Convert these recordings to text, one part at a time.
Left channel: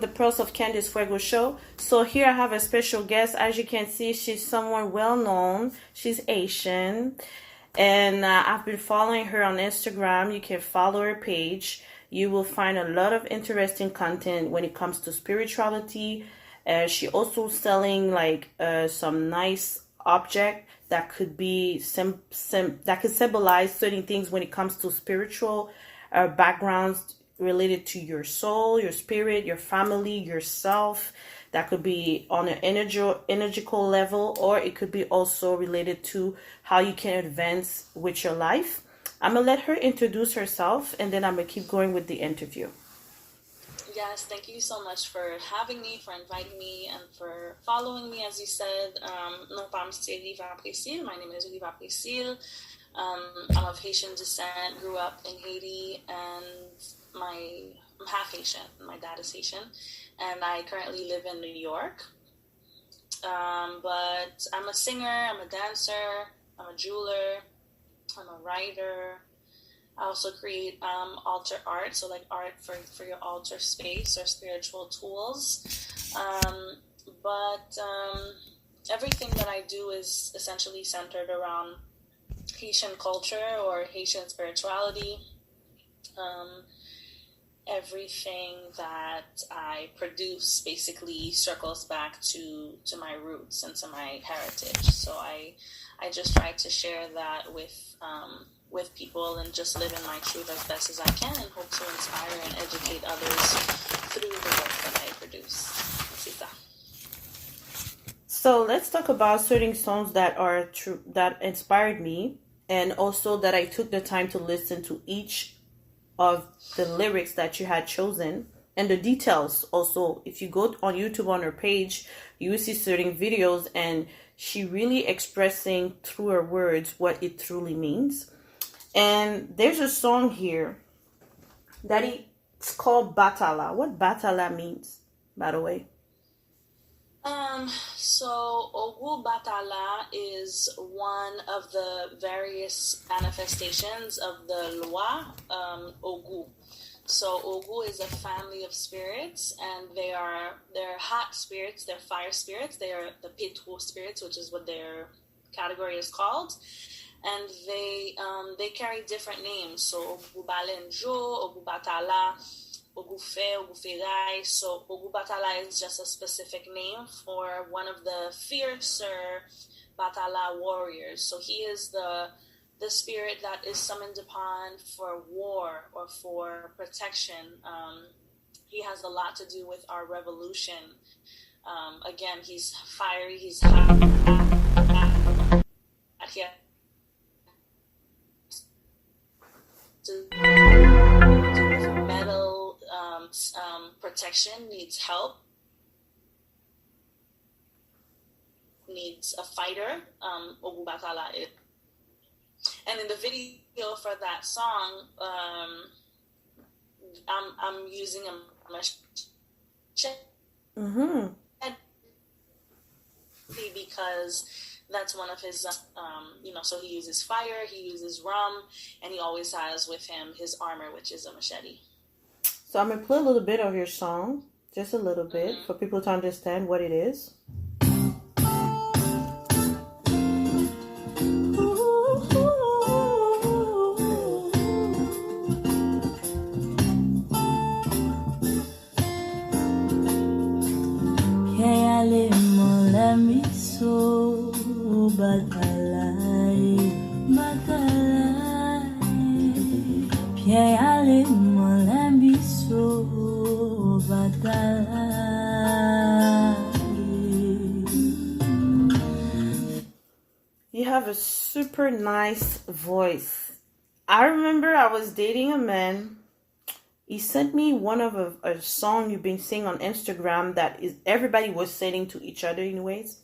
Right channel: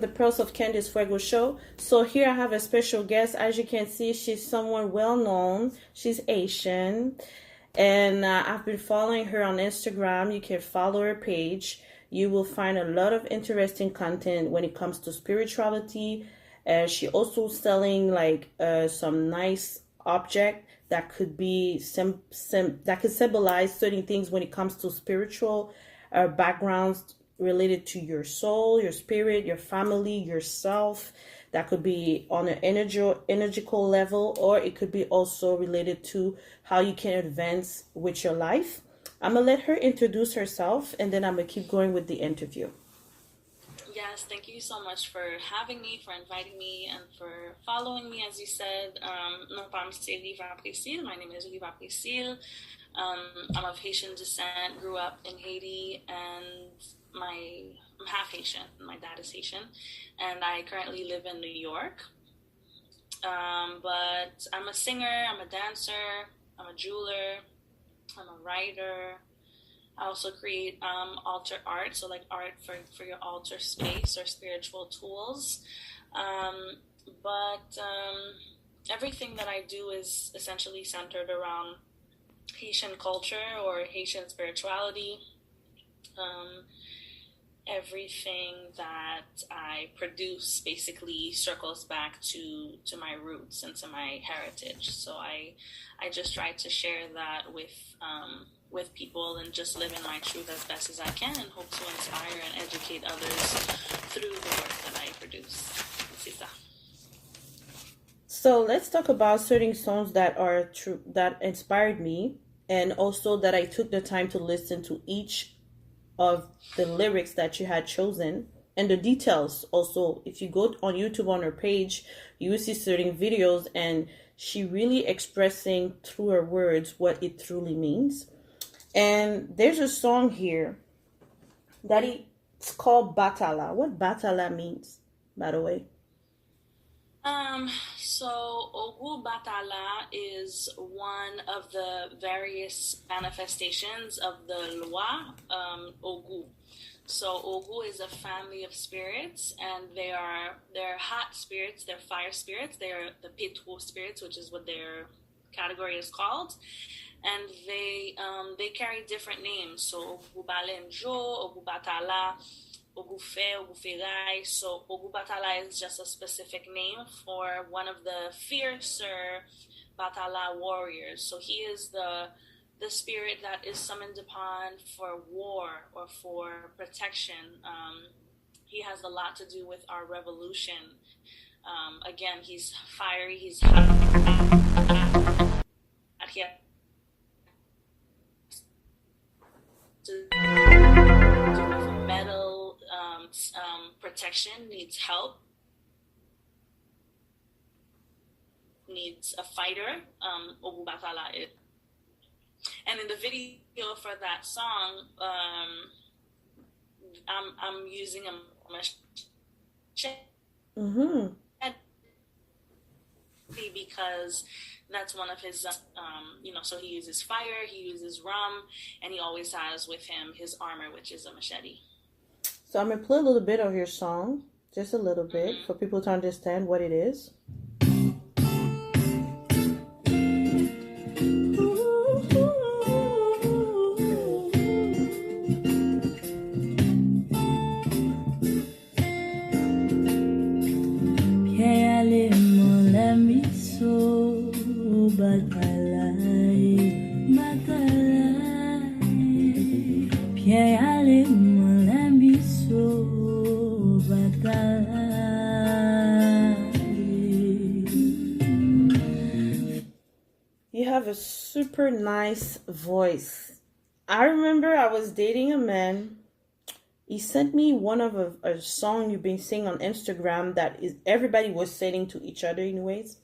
The Pearls of Candice Fuego show. So here I have a special guest. As you can see, she's someone well known. She's Haitian, and I've been following her on Instagram. You can follow her page. You will find a lot of interesting content when it comes to spirituality. She also selling like some nice object that could be that could symbolize certain things when it comes to spiritual backgrounds related to your soul, your spirit, your family, yourself. That could be on an energical level, or it could be also related to how you can advance with your life. I'm gonna let her introduce herself, and then I'm gonna keep going with the interview. Yes, thank you so much for having me, for inviting me, and for following me. As you said, Riva Précil. My name is Riva Précil. I'm of Haitian descent, grew up in Haiti, and I'm half Haitian. My dad is Haitian, and I currently live in New York. But I'm a singer, I'm a dancer, I'm a jeweler, I'm a writer. I also create altar art, so like art for your altar space or spiritual tools. But everything that I do is essentially centered around Haitian culture or Haitian spirituality. Everything that I produce basically circles back to my roots and to my heritage. So I just try to share that with people and just live in my truth as best as I can, and hope to inspire and educate others through the work that I produce. So let's talk about certain songs that are true, that inspired me, and also that I took the time to listen to each of the lyrics that you had chosen, and the details. Also, if you go on YouTube on her page, you will see certain videos, and she really expressing through her words what it truly means. And there's a song here that it's called Batala. What Batala means, by the way? So Ogu Batala is one of the various manifestations of the Loi, Ogu. So Ogu is a family of spirits, and they're hot spirits, they're fire spirits, they're the Petro spirits, which is what their category is called. And they carry different names. So Ogu Balenjo, Ogu Batala, Ogufe, Oguferai. So Ogu Batala is just a specific name for one of the fiercer Batala warriors. So he is the spirit that is summoned upon for war or for protection. He has a lot to do with our revolution. Again, he's fiery, he's hot. Metal protection, needs help, needs a fighter. Ogu Batala. And in the video for that song, I'm using a machete because that's one of his, so he uses fire, he uses rum, and he always has with him his armor, which is a machete. So I'm going to play a little bit of your song, just a little bit, for people to understand what it is. Pierre, allez, mon You have a super nice voice. I remember I was dating a man. He sent me one of a song you've been singing on Instagram that is everybody was singing to each other anyways.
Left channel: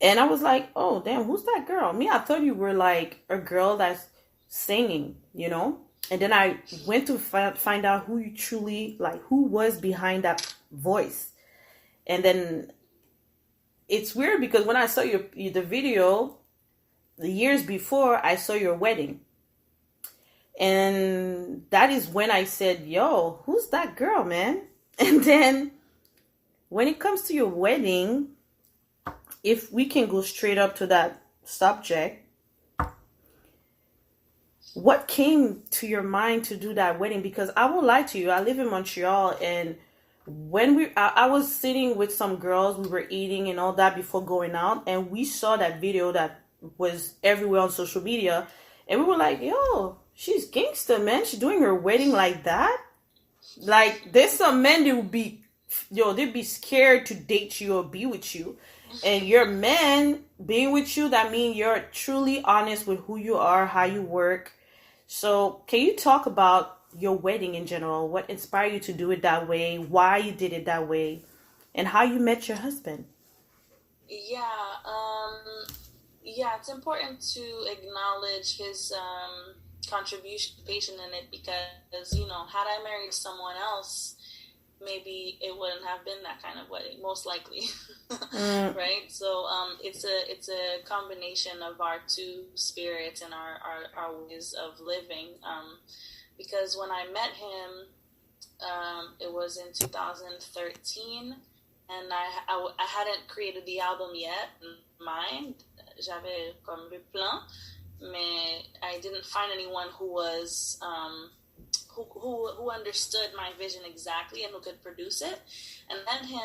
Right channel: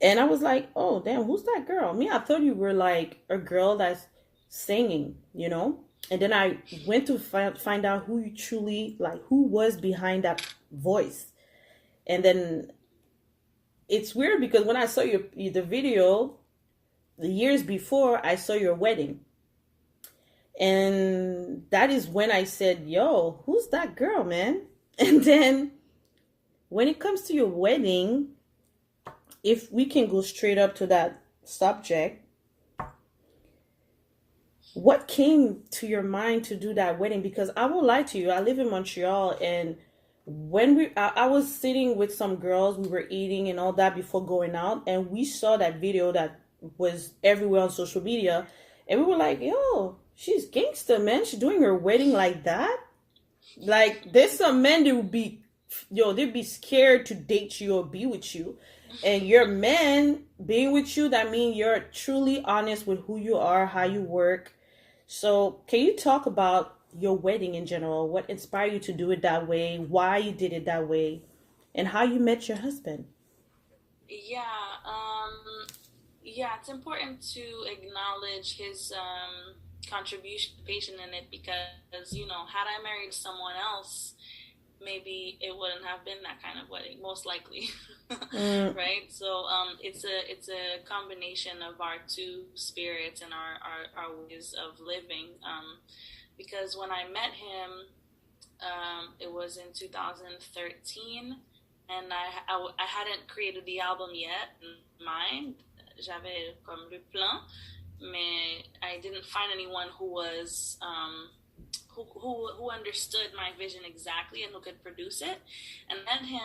And I was like, oh damn, who's that girl? Me, I thought you were like a girl that's singing, you know? And then I went to find out who you truly like, who was behind that voice. And then it's weird because when I saw the video the years before, I saw your wedding. And that is when I said, yo, who's that girl, man? And then when it comes to your wedding, if we can go straight up to that subject, what came to your mind to do that wedding? Because I won't lie to you, I live in Montreal, and when I was sitting with some girls, we were eating and all that before going out, and we saw that video that was everywhere on social media, and we were like, yo, she's gangster, man. She's doing her wedding like that. Like, there's some men that would be, they'd be scared to date you or be with you. And your man being with you, that means you're truly honest with who you are, how you work. So can you talk about your wedding in general? What inspired you to do it that way? Why you did it that way? And how you met your husband? Yeah, it's important to acknowledge his contribution in it because, you know, had I married someone else, maybe it wouldn't have been that kind of wedding, most likely. Right? So it's a combination of our two spirits and our ways of living. Because when I met him, it was in 2013, and I hadn't created the album yet in mind. J'avais comme le plan, mais I didn't find anyone who was who understood my vision exactly and who could produce it. And then him,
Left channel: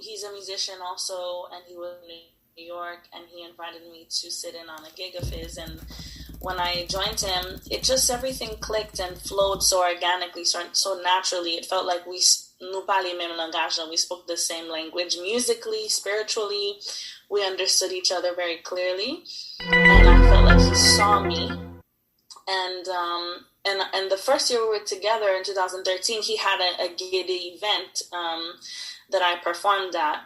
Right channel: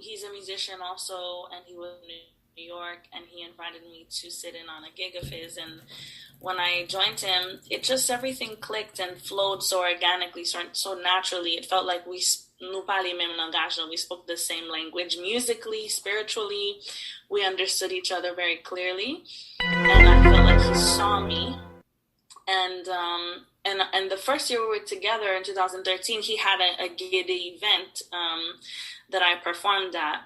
he's a musician also, and he was in New York, and he invited me to sit in on a gig of his. And when I joined him, it just everything clicked and flowed so organically, so naturally. It felt like nous parlions le même langage, and we spoke the same language musically, spiritually. We understood each other very clearly, and I felt like he saw me. And the first year we were together in 2013, he had a Gede event that I performed at.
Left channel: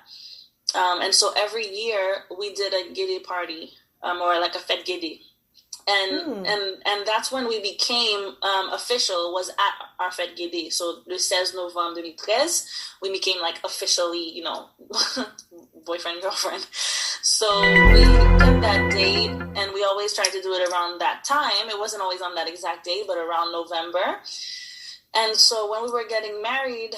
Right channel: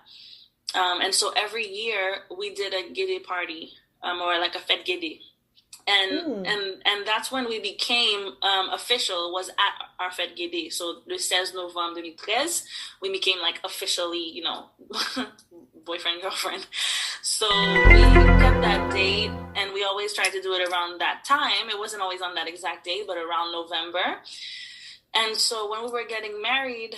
And so every year we did a Gede party, or like a fête Gede. And that's when we became official, was at our fête Gede. So le 16 November 2013, we became like officially, you know, boyfriend, girlfriend. So we kept that date, and we always tried to do it around that time. It wasn't always on that exact date, but around November. And so when we were getting married,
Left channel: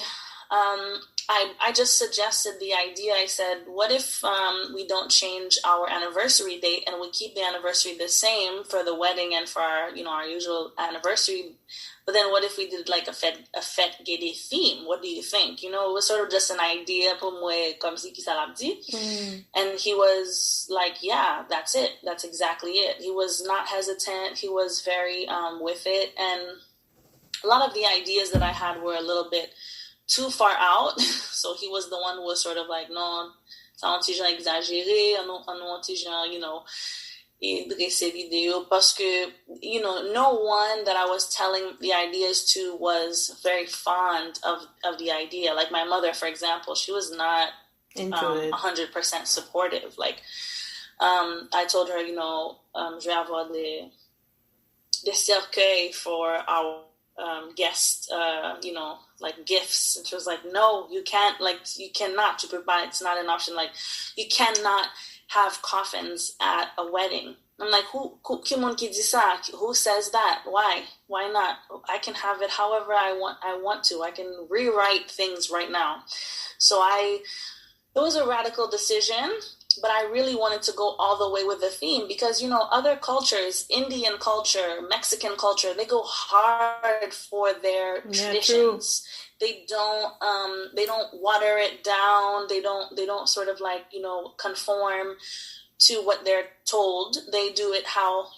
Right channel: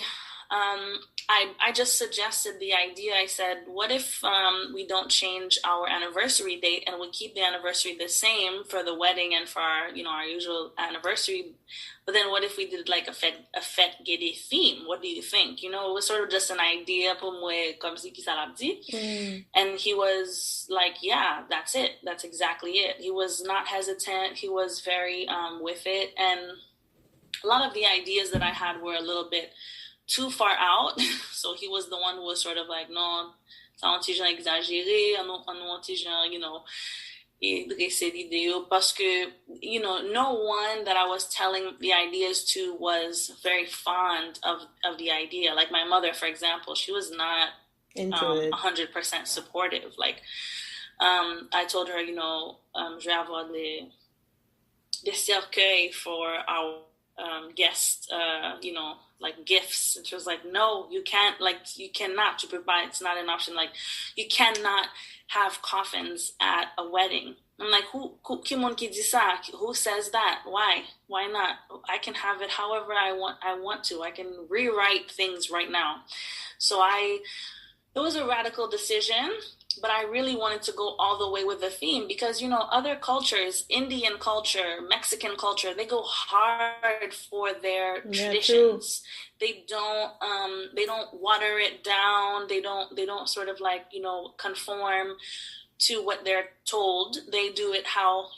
I just suggested the idea. I said, what if we don't change our anniversary date and we keep the anniversary the same for the wedding and for our, you know, our usual anniversary? But then what if we did like a fête Gede theme? What do you think? You know, it was sort of just an idea, comme si qui ça l'a dit. And he was like, yeah, that's it. That's exactly it. He was not hesitant. He was very with it. And a lot of the ideas that I had were a little bit too far out. So he was the one who was sort of like, non, ça un petit genre exagéré, un petit genre, you know, dresser l'idée, parce que, you know, no one that I was telling the ideas to was very fond of the idea. Like my mother, for example, she was not 100% supportive. Like, I told her, you know, je vais avoir des cercueils for our guests, you know, like gifts. And she was like, no, you can't, like, you cannot, you provide, it's not an option. Like, you cannot have coffins at a wedding. I'm like, who says that? Why not? I can have it however I want to. I can rewrite things right now. So it was a radical decision, but I really wanted to go all the way with the theme because, you know, other cultures, Indian culture, Mexican culture, they go hard for their traditions. True. They don't water it down. They don't sort of like, you know, conform to what they're told. They do it how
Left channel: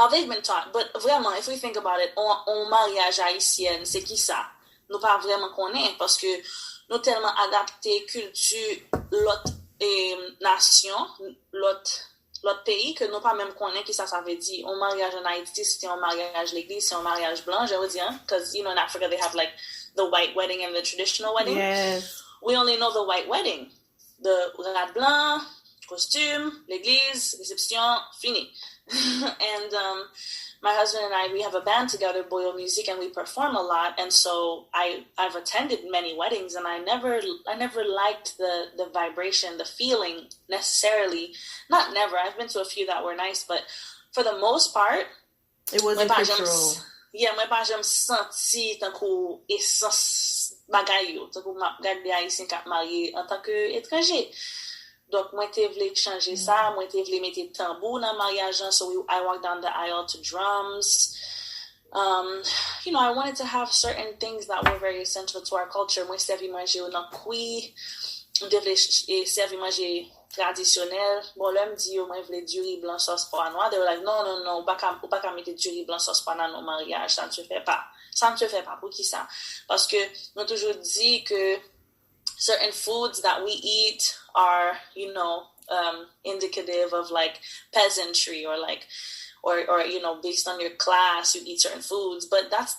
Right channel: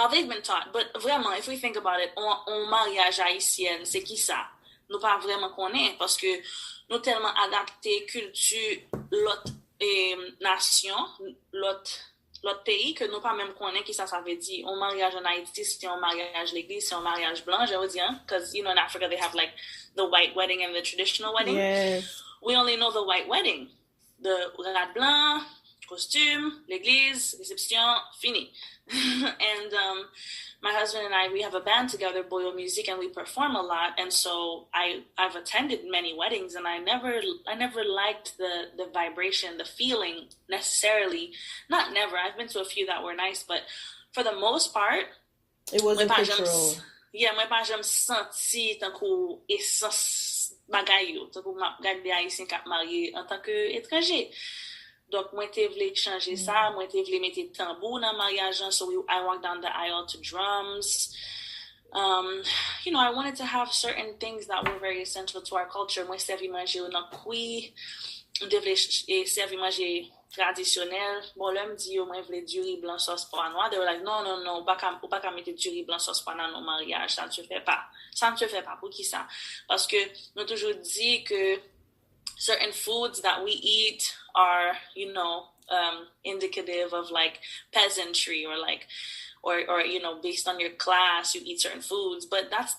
how they've been taught. But vraiment, if we think about it, on mariage haïtienne, c'est qui ça? Nous pas vraiment connaît parce que nous tellement adapté culture l'autre nation, l'autre pays que nous pas même connaît qui ça veut dire. On mariage en Haïti, c'était un mariage l'église, c'est un mariage blanc, je veux dire, because you know in Africa they have like the white wedding and the traditional wedding. Yes. We only know the white wedding, the rad blanc, costume, l'église, réception, fini. And my husband and I, we have a band together, Boyo Music, and we perform a lot. And so I've attended many weddings, and I never liked the vibration, the feeling necessarily. Not never. I've been to a few that were nice, but for the most part, it wasn't cultural. Yeah, moi pas j'aime senti tant qu'on essence bagay yo, tant qu'on m'a gardé haïtien k'ap marié en tant que étranger. Donc, moi, te vle changer ça, moi, te vle mette tambour dans mariage, so I walked down the aisle to drums. You know, I wanted to have certain things that were very essential to our culture. Moi, servi manger ou nan koui, je vle servi manger traditionnel. Bon, là, me dit, moi, vle du riz blanc sauce pois noir. They were like, non, ou pas qu'à mettre du riz blanc sauce pois noir dans mariage, ça ne se fait pas. Ça ne se fait pas, pour qui ça? Parce que, nous toujours dit que certain foods that we eat are, you know, indicative of like peasantry or like, or you know, based on your class, you eat certain foods. But that's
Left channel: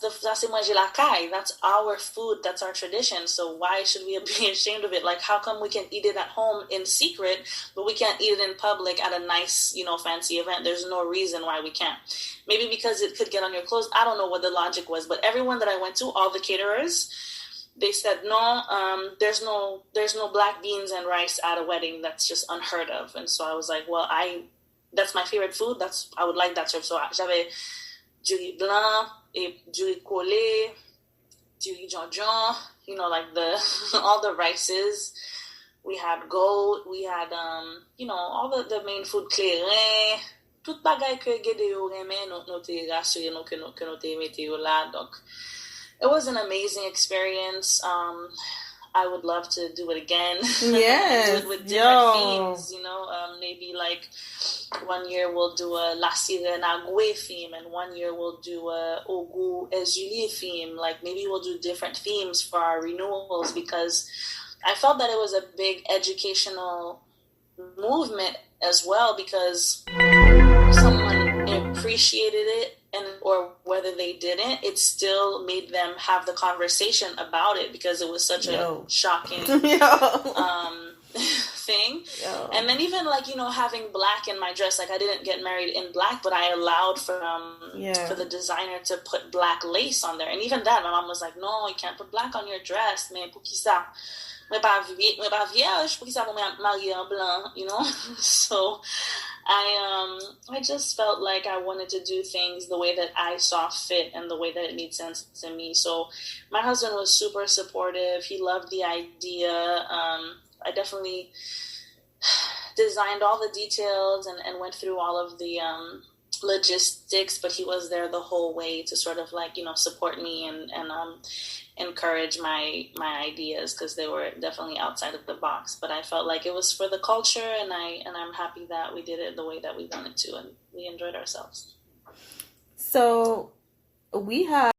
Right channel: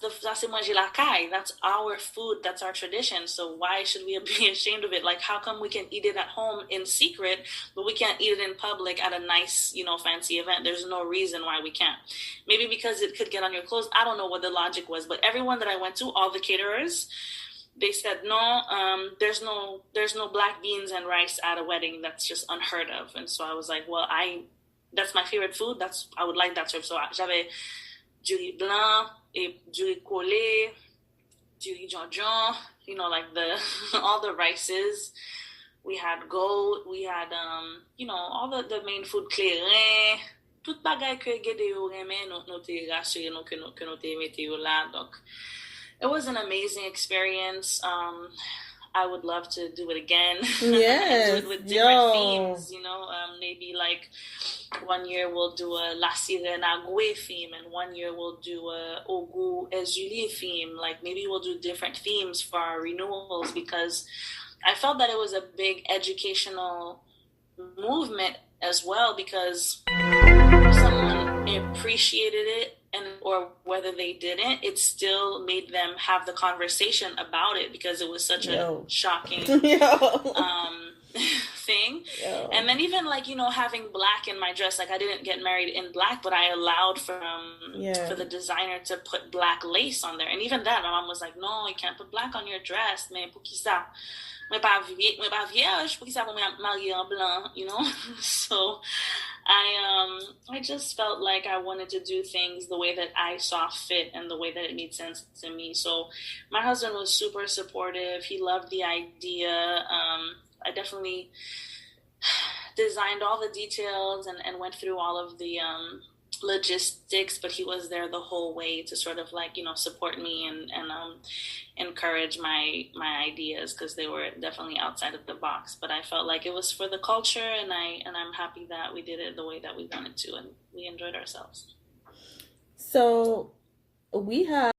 manger la caille. That's our food. That's our tradition. So why should we be ashamed of it? Like, how come we can eat it at home in secret, but we can't eat it in public at a nice, you know, fancy event? There's no reason why we can't. Maybe because it could get on your clothes. I don't know what the logic was, but everyone that I went to, all the caterers, they said no, there's no black beans and rice at a wedding. That's just unheard of. And so I was like, well, that's my favorite food. I would like that served. So j'avais du riz blanc et du riz collé, du riz jonjon, you know, like all the rices. We had goat. We had you know, all the main food, clairin. Tout bagay que Gede yo reme, nou te rassure nou que nou te mette yo la. Donc, it was an amazing experience. I would love to do it again. Yes. Do it with different themes, you know. Maybe like one year we'll do a La Sirena Gwe theme, and one year we'll do a Ogu Ezuli theme. Like maybe we'll do different themes for our renewals, because I felt that it was a big educational movement as well, because someone appreciated it, and or whether they didn't, it still made them have the conversation about it, because it was such a shocking thing. And then even like, you know, having black in my dress, like I didn't get married in black, but I allowed for the designer to put black lace on there. And even that, my mom was like, no, you can't put black on your dress, mais pour qui ça? Mwen pa vierge, pour qui ça pour marier en blanc, you know? So I just felt like I wanted to do things the way that I saw fit and the way that it made sense to me. So my husband was super supportive. He loved the idea. I definitely designed all the details and went through all of the logistics, but he was there the whole way to sort of like, you know, support me and encourage my ideas, because they were definitely outside of the box. But I felt like it was for the culture, and I'm happy that we did it the way that we wanted to, and we enjoyed ourselves. So we have